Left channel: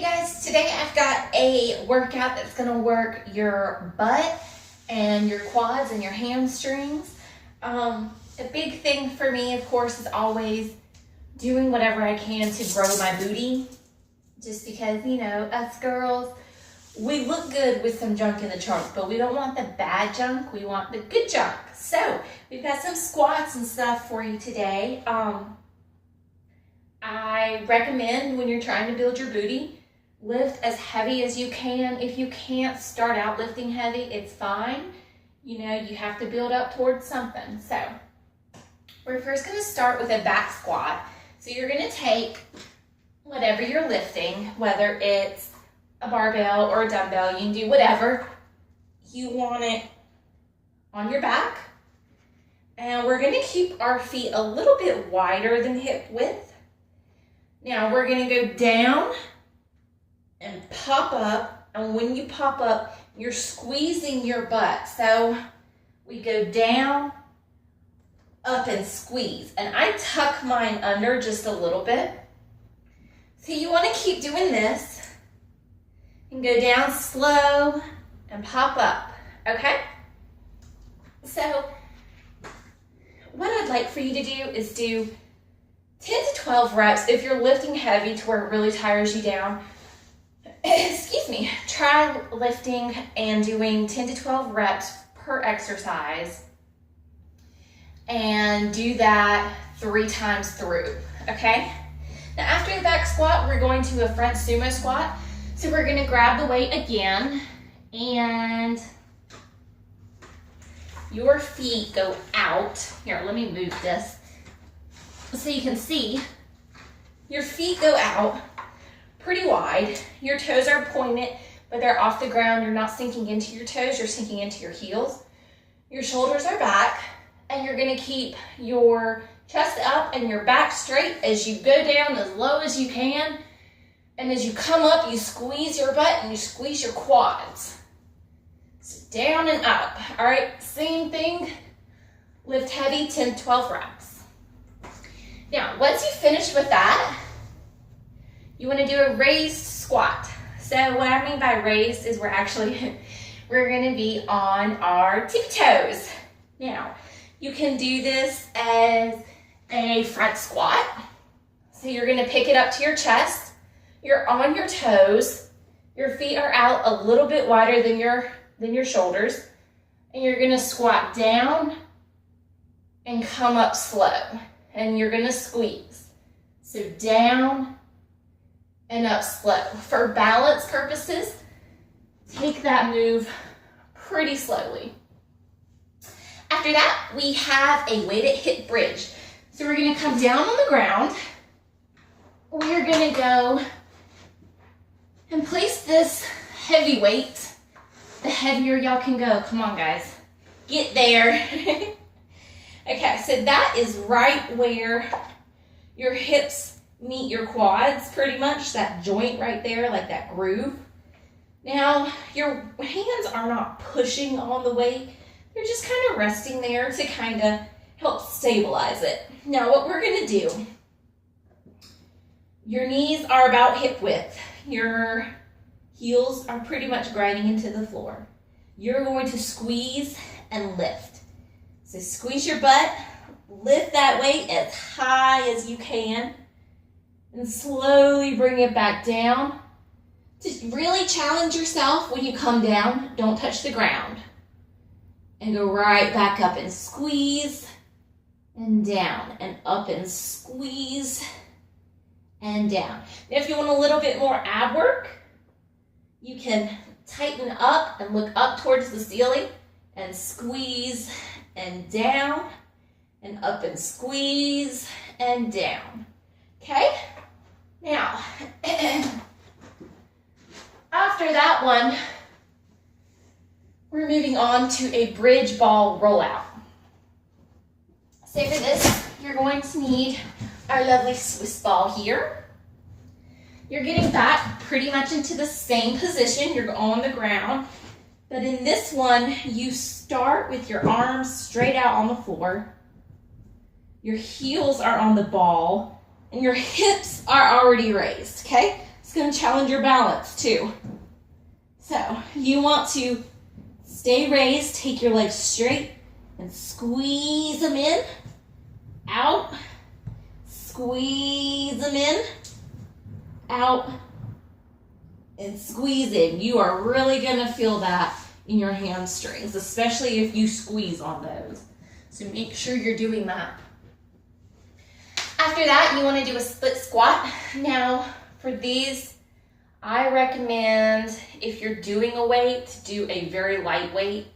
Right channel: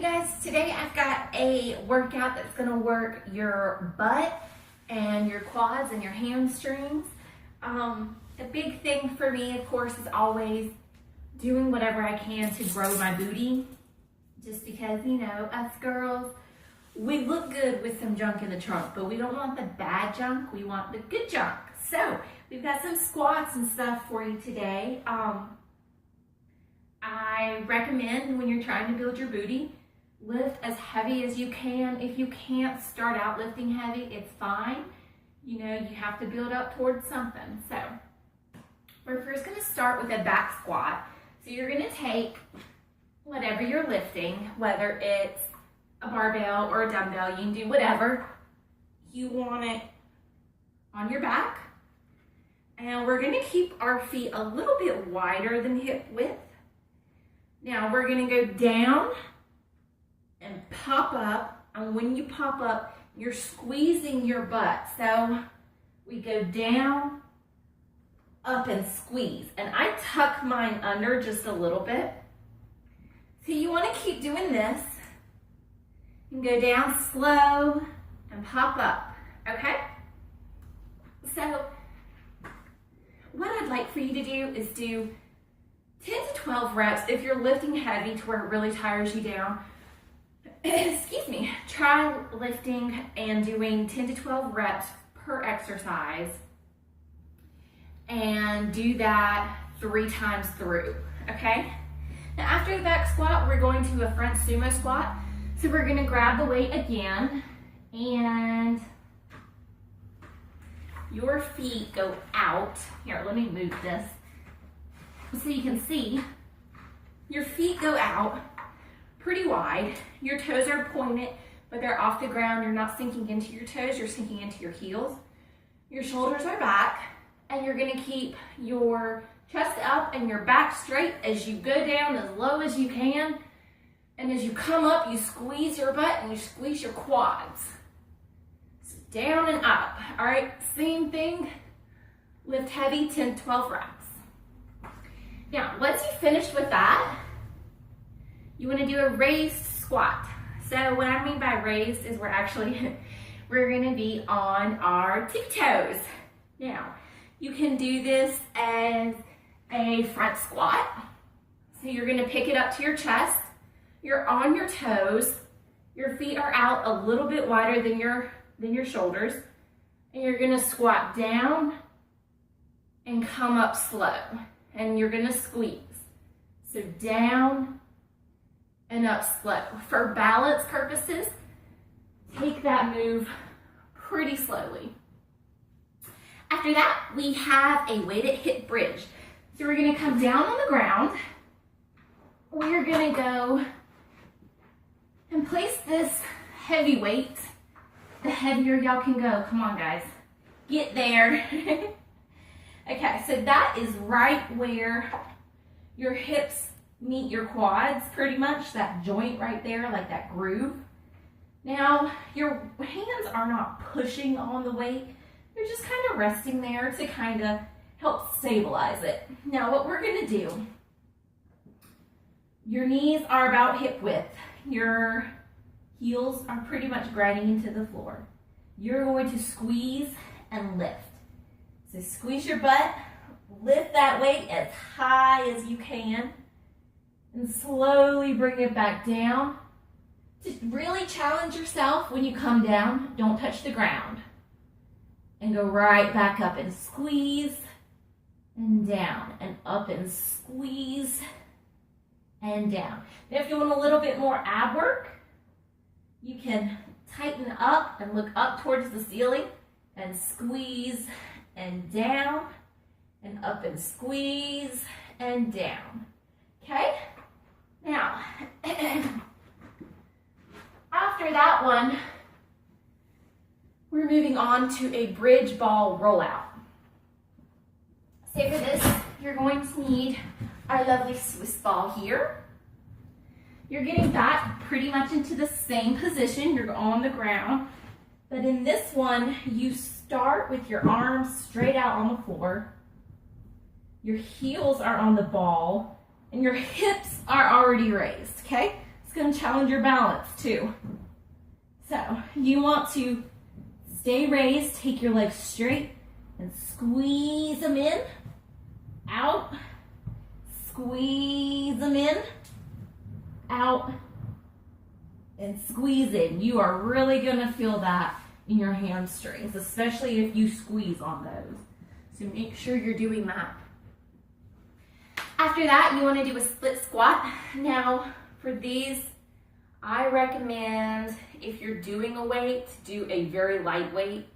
Hey guys, today I've got a workout that's gonna work your butt and your quads and your hamstrings. A big thing for me, of course, is always doing whatever I can to grow my booty. Just because, you know, us girls, we look good with some junk in the trunk, but we don't want the bad junk, we want the good junk. So, we've got some squats and stuff for you today. I recommend when you're trying to build your booty, lift as heavy as you can. If you can't start out lifting heavy, it's fine. You know, you have to build up towards something. So, we're first gonna start with a back squat. So you're gonna take whatever you're lifting, whether it's a barbell or a dumbbell, you can do whatever. You want it on your back. And we're gonna keep our feet a little bit wider than hip width. Now we're gonna go down and pop up, and when you pop up, you're squeezing your butt. So we go down, up, and squeeze. And I tuck mine under just a little bit. So you wanna keep doing this and go down slow and pop up, okay? So what I'd like for you to do is do 10 to 12 reps. If you're lifting heavy to where it really tires you down, excuse me, try lifting and doing 10 to 12 reps per exercise and do that 3 times through, okay? Now after the back squat, we're going to a front sumo squat. So we're gonna grab the weight again and your feet go out. Here, let me move this so you can see. Your feet go out pretty wide. Your toes are pointed, but they're off the ground. You're not sinking into your toes, you're sinking into your heels. Your shoulders are back, and you're gonna keep your chest up and your back straight as you go down as low as you can. And as you come up, you squeeze your butt and you squeeze your quads. So down and up. All right, same thing. Lift heavy, 10 to 12 reps. Now, once you finish with that, you want to do a raised squat. So what I mean by raised is we're going to be on our tippy toes. Now, you can do this as a front squat. So you're going to pick it up to your chest. You're on your toes. Your feet are out a little bit wider than your shoulders. And you're going to squat down and come up slow. And you're gonna squeeze. So down and up slow. For balance purposes, take that move pretty slowly. After that, we have a weighted hip bridge. So we're gonna come down on the ground. We're gonna go and place this heavy weight. The heavier y'all can go. Come on, guys. Get there. Okay, so that is right where your hips meet your quads, pretty much, that joint right there, like that groove. Now, your hands are not pushing on the weight. They're just kind of resting there to kind of help stabilize it. Now, what we're gonna do, your knees are about hip width. Your heels are pretty much grinding into the floor. You're going to squeeze and lift. So squeeze your butt, lift that weight as high as you can, and slowly bring it back down. Just really challenge yourself when you come down. Don't touch the ground. And go right back up and squeeze, and down, and up and squeeze, and down. Now if you want a little bit more ab work, you can tighten up and look up towards the ceiling, and squeeze, and down, and up and squeeze, and down. Okay? Now, after that one, we're moving on to a bridge ball rollout. So for this, you're going to need our lovely Swiss ball here. You're getting back pretty much into the same position. You're on the ground. But in this one, you start with your arms straight out on the floor. Your heels are on the ball, and your hips are already raised, okay? It's gonna challenge your balance too. So you want to stay raised, take your legs straight and squeeze them in, out, squeeze them in, out, and squeeze in. You are really gonna feel that in your hamstrings, especially if you squeeze on those. So make sure you're doing that. After that, you wanna do a split squat. Now, for these, I recommend if you're doing a weight, do a very light weight.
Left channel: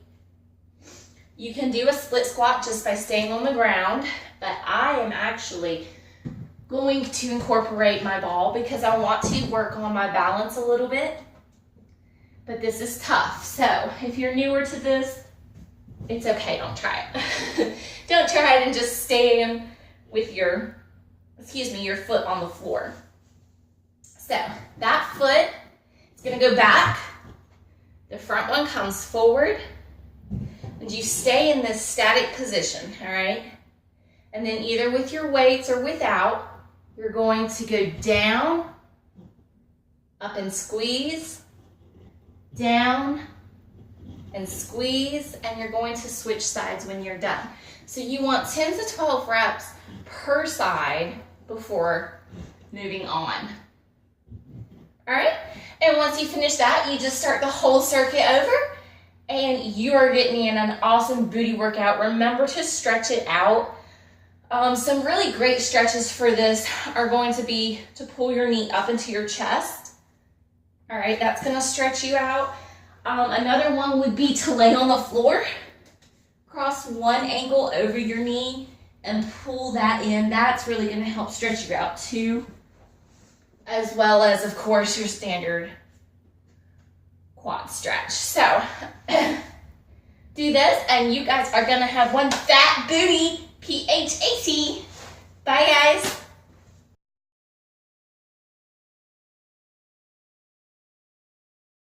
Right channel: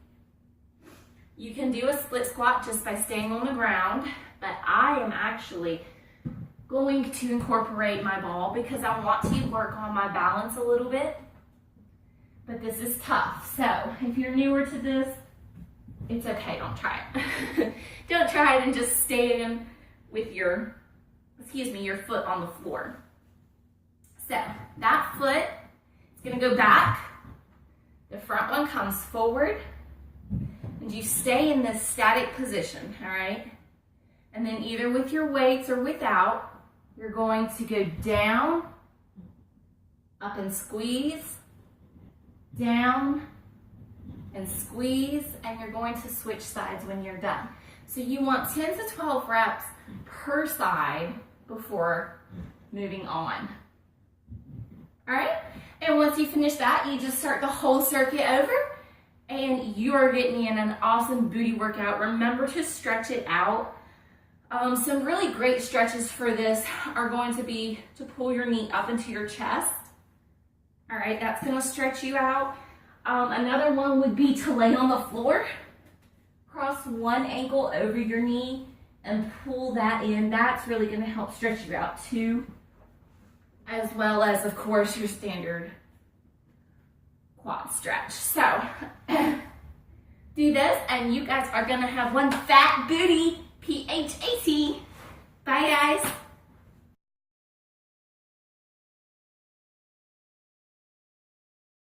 You can do a split squat just by staying on the ground, but I am actually going to incorporate my ball because I want to work on my balance a little bit. But this is tough, so if you're newer to this, it's okay, don't try it. Don't try it and just stand with your foot on the floor. So that foot is gonna go back, the front one comes forward, and you stay in this static position, all right? And then either with your weights or without, you're going to go down, up and squeeze, down and squeeze, and you're going to switch sides when you're done. So you want 10 to 12 reps per side before moving on. All right, and once you finish that, you just start the whole circuit over, and you are getting in an awesome booty workout. Remember to stretch it out. Some really great stretches for this are going to be to pull your knee up into your chest. All right, that's gonna stretch you out. Another one would be to lay on the floor, cross one ankle over your knee and pull that in. That's really gonna help stretch you out too, as well as, of course, your standard quad stretch. So do this and you guys are gonna have one fat booty, PHAT. Bye guys.